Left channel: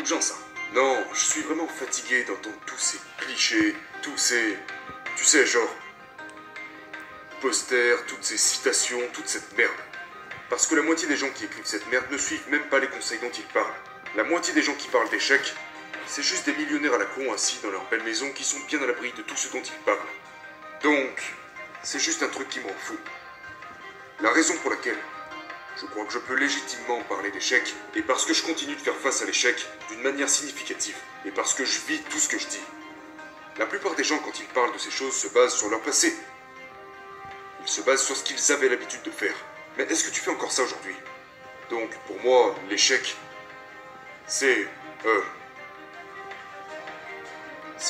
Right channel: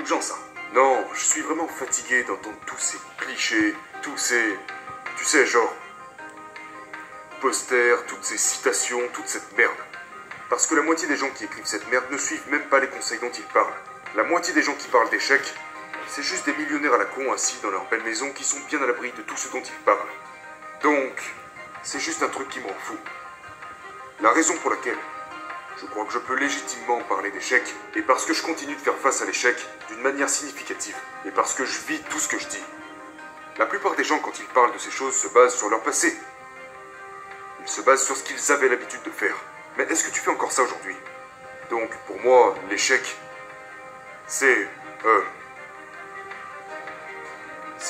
Beaucoup de gens, ça. Non, je suis vraiment fatigué d'entendre tous ces clichés, tous ces... Tu sais, genre... posters, toutes ces citations, toute cette merde. Parce que la moitié des gens qui écrivent cette merde ne suivent même pas les conseils dont ils parlent. La moitié des gens qui parlent d'échecs, c'est juste des millionnaires à la con assis dans leur belle maison qui sont bien à l'abri de tout ce dont ils parlent. Donc, c'est juste un truc qui m'en fout. La raison pour laquelle je crois que je peux légitimement parler d'échecs est parce que je continue de faire face à l'échec d'une manière significative et parce que je vis tout ce que je dis. La plupart des gens, quand ils parlent de ces choses, se basent sur leur passé. Ils se basent sur ce qu'ils avaient l'habitude de faire. Mais est-ce que tu fais encore ça aujourd'hui? Donc, pour moi, l'échec, c'est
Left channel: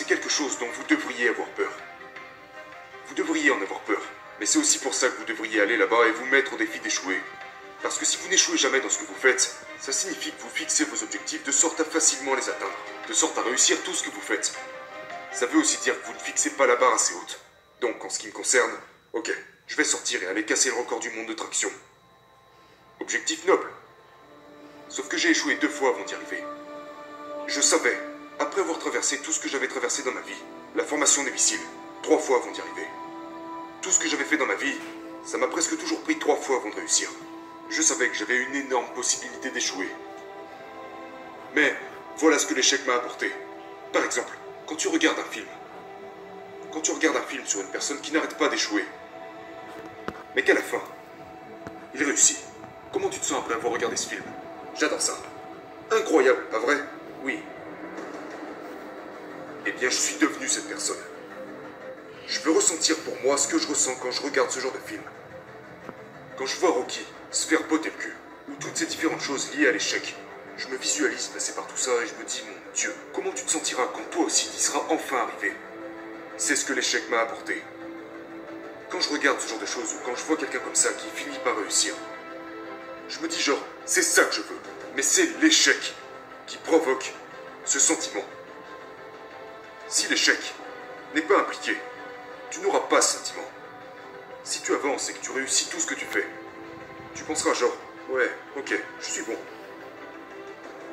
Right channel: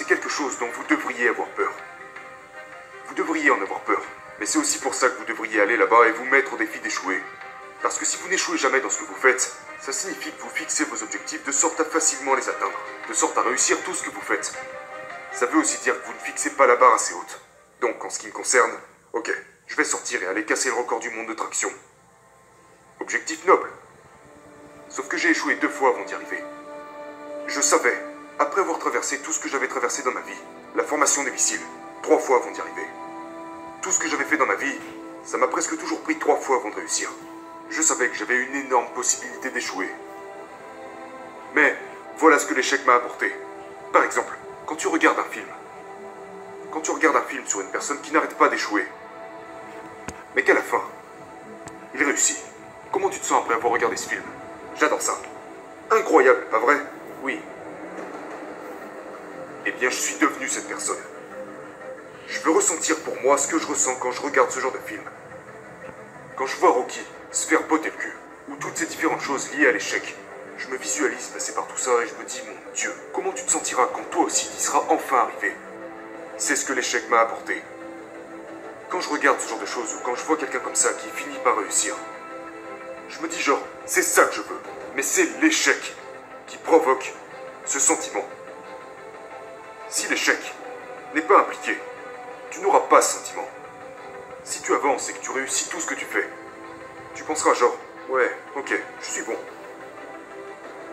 quelque chose dont vous devriez avoir peur. Vous devriez en avoir peur. Mais c'est aussi pour ça que vous devriez aller là-bas et vous mettre au défi d'échouer. Parce que si vous n'échouez jamais dans ce que vous faites, ça signifie que vous fixez vos objectifs de sorte à facilement les atteindre, de sorte à réussir tout ce que vous faites. Ça veut aussi dire que vous ne fixez pas la barre assez haute. Donc, en ce qui me concerne, ok, je vais sortir et aller casser le record du monde de traction. Objectif noble. Sauf que j'ai échoué 2 fois avant d'y arriver. Je savais, après avoir traversé tout ce que j'avais traversé dans ma vie, la formation des missiles, 3 fois avant d'y arriver. Tout ce que j'avais fait dans ma vie, ça m'a presque toujours pris 3 fois avant de réussir. Je savais que j'avais une énorme possibilité d'échouer. Mais voilà ce que l'échec m'a apporté. Par exemple, quand tu regardes un film. Quand tu regardes un film sur une personne qui n'arrête pas d'échouer, mais qu'à la fin, il réussit. Comment tu te sens après avoir regardé ce film? J'adore ça. Incroyable, pas vrai? Oui. Eh bien, je suis devenu cette personne. Je veux ressentir pour moi ce que je ressens quand je regarde ce genre de film. Quand je vois Rocky se faire botter le cul, ou toutes ces différentes choses liées à l'échec, je me visualise passer par tout ça et je me dis, mon Dieu, comment tu te sentiras quand toi aussi tu y seras enfin arrivé? C'est ce que l'échec m'a apporté. Quand je regarde ce genre de choses, ou quand je vois quelqu'un comme ça qui finit par réussir, je me dis genre, c'est ça que je veux. Mais c'est l'échec qui provoque ce sentiment. Si l'échec n'est pas impliqué, tu n'auras pas ce sentiment. Si tu avances et que tu réussis tout ce que tu fais, tu penseras genre, ouais, ok, je suis bon.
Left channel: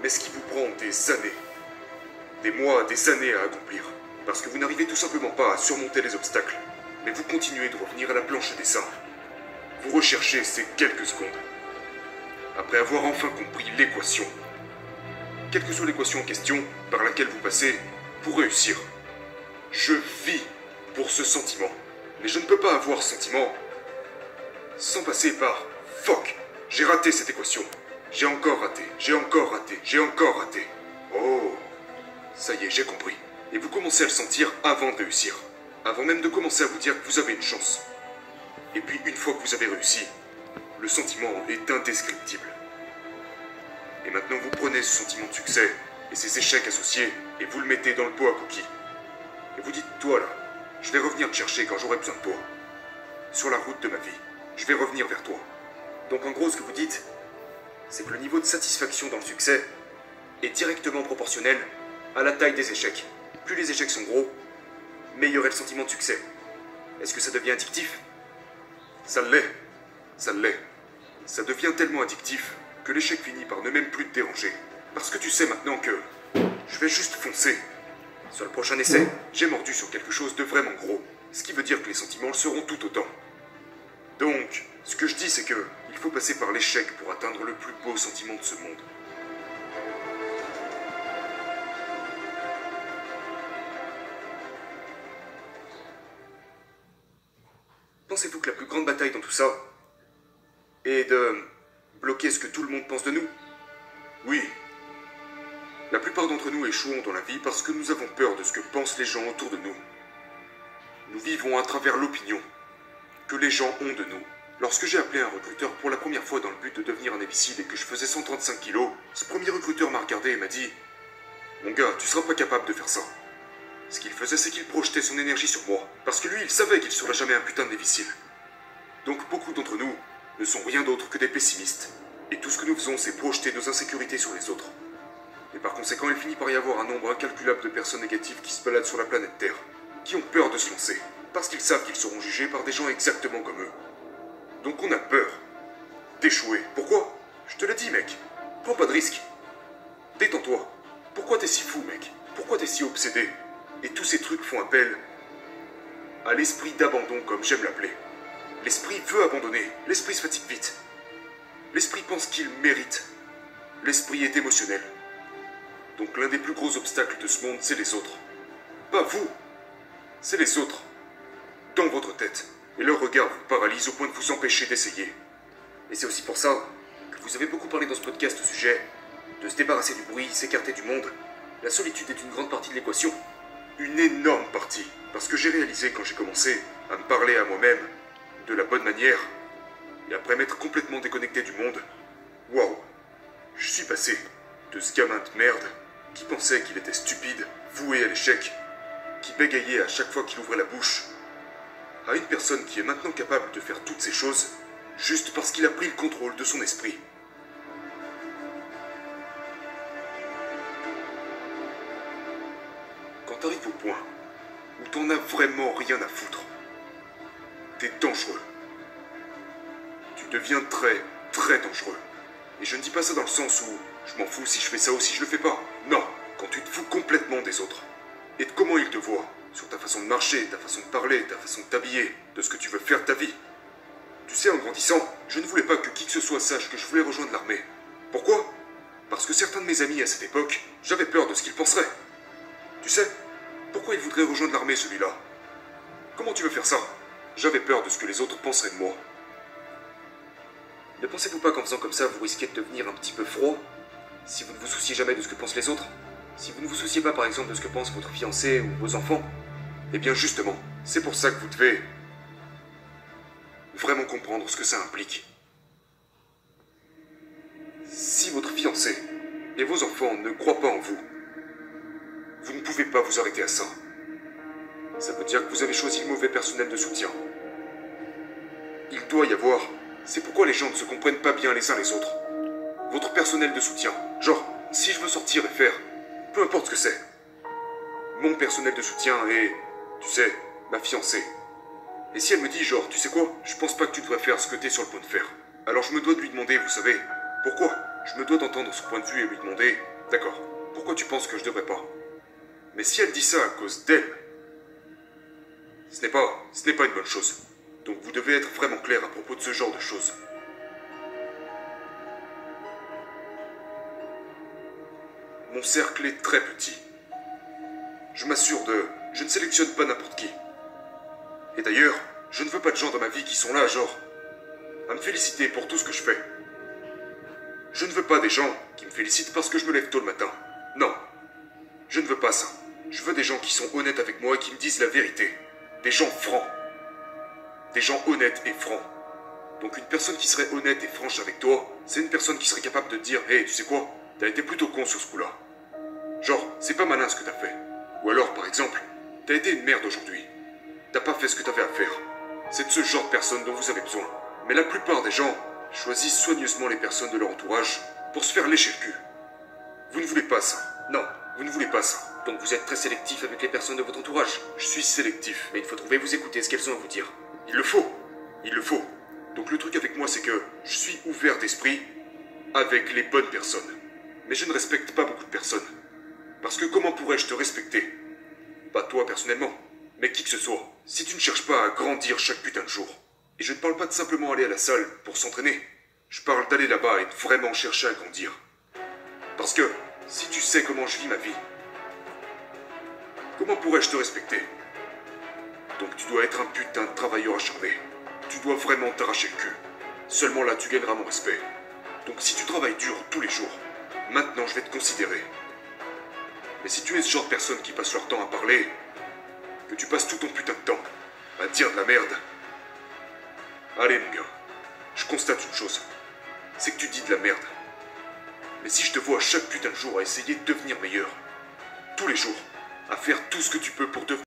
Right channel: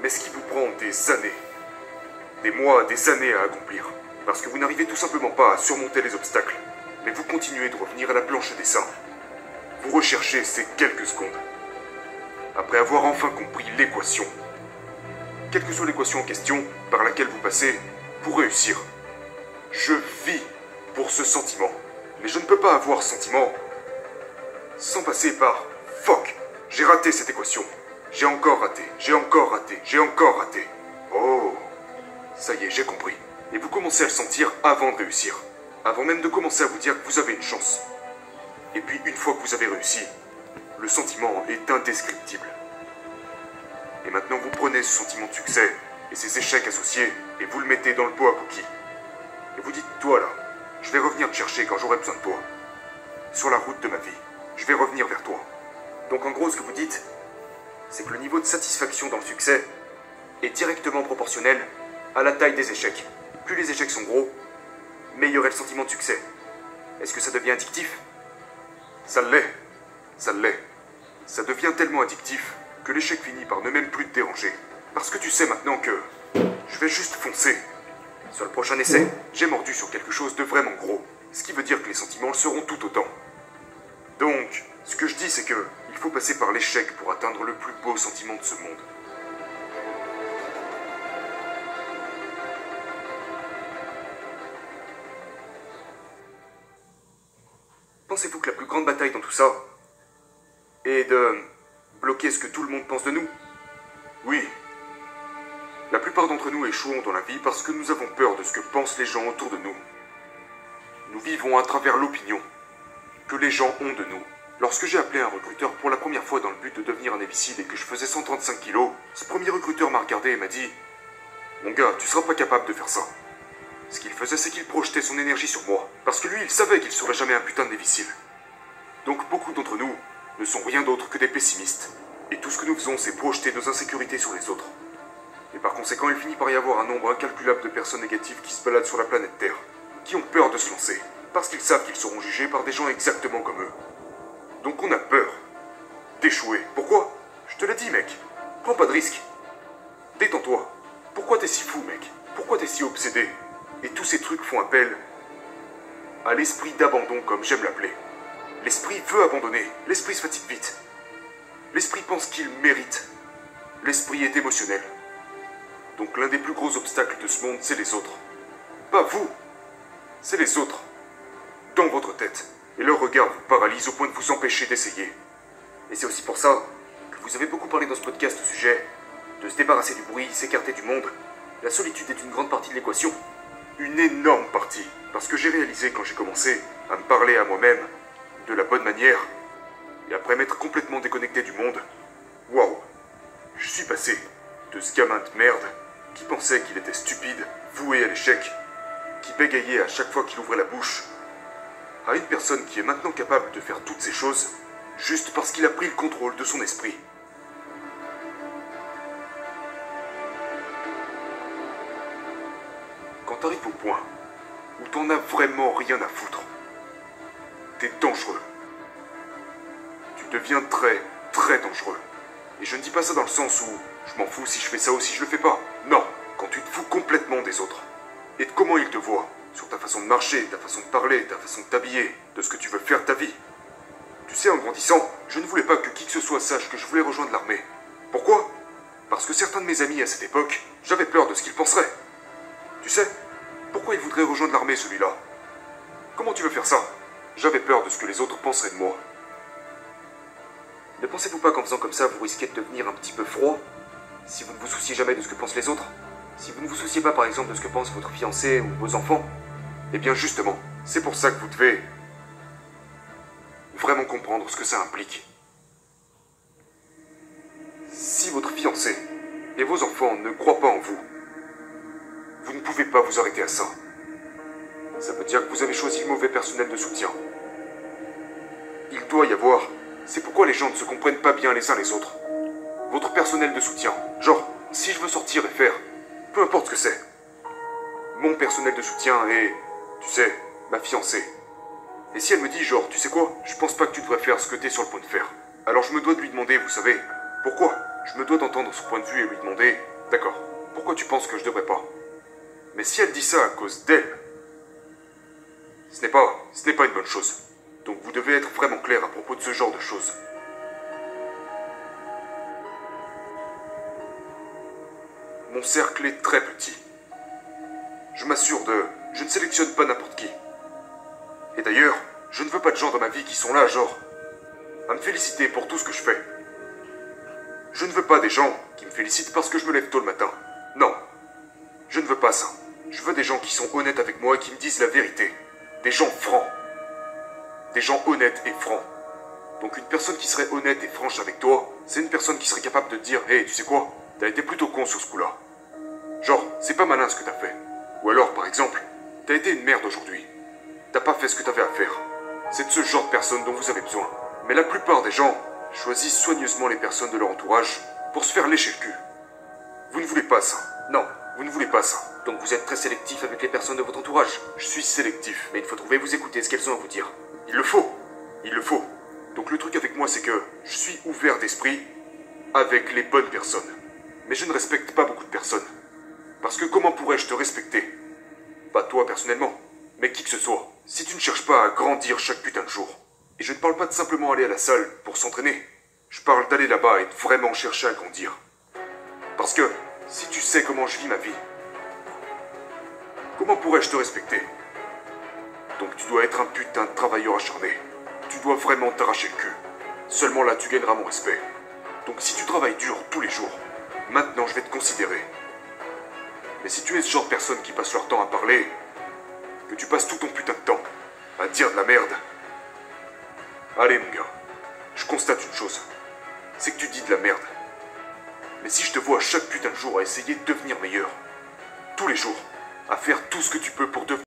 Mais ce qui vous prend des années, des mois, des années à accomplir, parce que vous n'arrivez tout simplement pas à surmonter les obstacles, mais vous continuez de revenir à la planche des dessins. Vous recherchez ces quelques secondes. Après avoir enfin compris l'équation, quelle que soit l'équation en question par laquelle vous passez pour réussir, je vis pour ce sentiment. Mais je ne peux pas avoir ce sentiment sans passer par « Fuck, j'ai raté cette équation. J'ai encore raté, j'ai encore raté, j'ai encore raté. » Oh, ça y est, j'ai compris. Et vous commencez à le sentir avant de réussir. Avant même de commencer à vous dire que vous avez une chance. Et puis, une fois que vous avez réussi, le sentiment est indescriptible. Et maintenant, vous prenez ce sentiment de succès et ces échecs associés et vous le mettez dans le pot à cookies. Et vous dites, toi là, je vais revenir te chercher quand j'aurai besoin de toi. Sur la route de ma vie, je vais revenir vers toi. Donc en gros, ce que vous dites, c'est que le niveau de satisfaction dans le succès est directement proportionnel à la taille des échecs. Plus les échecs sont gros, meilleur est le sentiment de succès. Est-ce que ça devient addictif? Ça l'est. Ça l'est. Ça devient tellement addictif que l'échec finit par ne même plus te déranger. Parce que tu sais maintenant que je vais juste foncer. Sur le prochain essai, j'ai mordu sur quelque chose de vraiment gros. Ce qui veut dire que les sentiments le seront tout autant. Donc, ce que je dis, c'est que il faut passer par l'échec pour atteindre le plus beau sentiment de ce monde. Pensez-vous que la plus grande bataille dans tout ça est de bloquer ce que tout le monde pense de nous? Oui. La plupart d'entre nous échouons dans la vie parce que nous avons peur de ce que pensent les gens autour de nous. Nous vivons à travers l'opinion que les gens ont de nous. Lorsque j'ai appelé un recruteur pour la première fois dans le but de devenir un imbécile et que je faisais 135 kilos, ce premier recruteur m'a regardé et m'a dit « Mon gars, tu seras pas capable de faire ça. » Ce qu'il faisait, c'est qu'il projetait son énergie sur moi, parce que lui, il savait qu'il serait jamais un putain de imbécile. Donc beaucoup d'entre nous ne sont rien d'autre que des pessimistes. Et tout ce que nous faisons, c'est projeter nos insécurités sur les autres. Et par conséquent, il finit par y avoir un nombre incalculable de personnes négatives qui se baladent sur la planète Terre, qui ont peur de se lancer, parce qu'ils savent qu'ils seront jugés par des gens exactement comme eux. Donc on a peur d'échouer. Pourquoi? Je te l'ai dit, mec. Prends pas de risques. Détends-toi. Pourquoi t'es si fou, mec? Pourquoi t'es si obsédé? Et tous ces trucs font appel à l'esprit d'abandon, comme j'aime l'appeler. L'esprit veut abandonner, l'esprit se fatigue vite. L'esprit pense qu'il mérite. L'esprit est émotionnel. Donc l'un des plus gros obstacles de ce monde, c'est les autres. Pas vous, c'est les autres. Dans votre tête. Et leur regard vous paralyse au point de vous empêcher d'essayer. Et c'est aussi pour ça que vous avez beaucoup parlé dans ce podcast au sujet de se débarrasser du bruit, s'écarter du monde. La solitude est une grande partie de l'équation. Une énorme partie. Parce que j'ai réalisé quand j'ai commencé à me parler à moi-même de la bonne manière, et après m'être complètement déconnecté du monde, waouh, je suis passé de ce gamin de merde qui pensait qu'il était stupide, voué à l'échec, qui bégayait à chaque fois qu'il ouvrait la bouche, à une personne qui est maintenant capable de faire toutes ces choses juste parce qu'il a pris le contrôle de son esprit. Quand t'arrives au point où t'en as vraiment rien à foutre, t'es dangereux. Tu deviens très, très dangereux. Et je ne dis pas ça dans le sens où je m'en fous si je fais ça ou si je le fais pas. Non, quand tu te fous complètement des autres. Et de comment ils te voient. Sur ta façon de marcher, ta façon de parler, ta façon de t'habiller, de ce que tu veux faire de ta vie. Tu sais, en grandissant, je ne voulais pas que qui que ce soit sache que je voulais rejoindre l'armée. Pourquoi? Parce que certains de mes amis à cette époque, j'avais peur de ce qu'ils penseraient. Tu sais, pourquoi il voudrait rejoindre l'armée celui-là? Comment tu veux faire ça? J'avais peur de ce que les autres penseraient de moi. Ne pensez-vous pas qu'en faisant comme ça, vous risquez de devenir un petit peu froid si vous ne vous souciez jamais de ce que pensent les autres? Si vous ne vous souciez pas par exemple de ce que pense votre fiancé ou vos enfants? Eh bien justement, c'est pour ça que vous devez vraiment comprendre ce que ça implique. Si votre fiancé et vos enfants ne croient pas en vous, vous ne pouvez pas vous arrêter à ça. Ça veut dire que vous avez choisi le mauvais personnel de soutien. Il doit y avoir... C'est pourquoi les gens ne se comprennent pas bien les uns les autres. Votre personnel de soutien. Genre, si je veux sortir et faire... Peu importe ce que c'est. Mon personnel de soutien est... Tu sais, ma fiancée. Et si elle me dit genre, tu sais quoi, je pense pas que tu devrais faire ce que t'es sur le point de faire. Alors je me dois de lui demander, vous savez, pourquoi? Je me dois d'entendre son point de vue et lui demander, d'accord, pourquoi tu penses que je devrais pas? Mais si elle dit ça à cause d'elle, ce n'est pas une bonne chose. Donc vous devez être vraiment clair à propos de ce genre de choses. Mon cercle est très petit. Je m'assure de... Je ne sélectionne pas n'importe qui. Et d'ailleurs, je ne veux pas de gens dans ma vie qui sont là, genre, à me féliciter pour tout ce que je fais. Je ne veux pas des gens qui me félicitent parce que je me lève tôt le matin. Non, je ne veux pas ça. Je veux des gens qui sont honnêtes avec moi et qui me disent la vérité. Des gens francs. Des gens honnêtes et francs. Donc une personne qui serait honnête et franche avec toi, c'est une personne qui serait capable de te dire « Hey, tu sais quoi, t'as été plutôt con sur ce coup-là. Genre, c'est pas malin ce que t'as fait. » Ou alors, par exemple, t'as été une merde aujourd'hui. T'as pas fait ce que t'avais à faire. C'est de ce genre de personnes dont vous avez besoin. Mais la plupart des gens choisissent soigneusement les personnes de leur entourage pour se faire lécher le cul. Vous ne voulez pas ça. Non, vous ne voulez pas ça. Donc vous êtes très sélectif avec les personnes de votre entourage. Je suis sélectif. Mais il faut trouver, vous écouter ce qu'elles ont à vous dire. Il le faut. Il le faut. Donc le truc avec moi, c'est que je suis ouvert d'esprit avec les bonnes personnes. Mais je ne respecte pas beaucoup de personnes. Parce que comment pourrais-je te respecter? Pas toi personnellement, mais qui que ce soit. Si tu ne cherches pas à grandir chaque putain de jour. Et je ne parle pas de simplement aller à la salle pour s'entraîner. Je parle d'aller là-bas et de vraiment chercher à grandir. Parce que si tu sais comment je vis ma vie, comment pourrais-je te respecter? Donc tu dois être un putain de travailleur acharné. Tu dois vraiment t'arracher le cul. Seulement là, tu gagneras mon respect. Donc si tu travailles dur tous les jours, maintenant je vais te considérer. Mais si tu es ce genre de personne qui passe leur temps à parler, que tu passes tout ton putain de temps à dire de la merde, allez mon gars, je constate une chose, c'est que tu dis de la merde. Mais si je te vois chaque putain de jour à essayer de devenir meilleur, tous les jours, à faire tout ce que tu peux pour devenir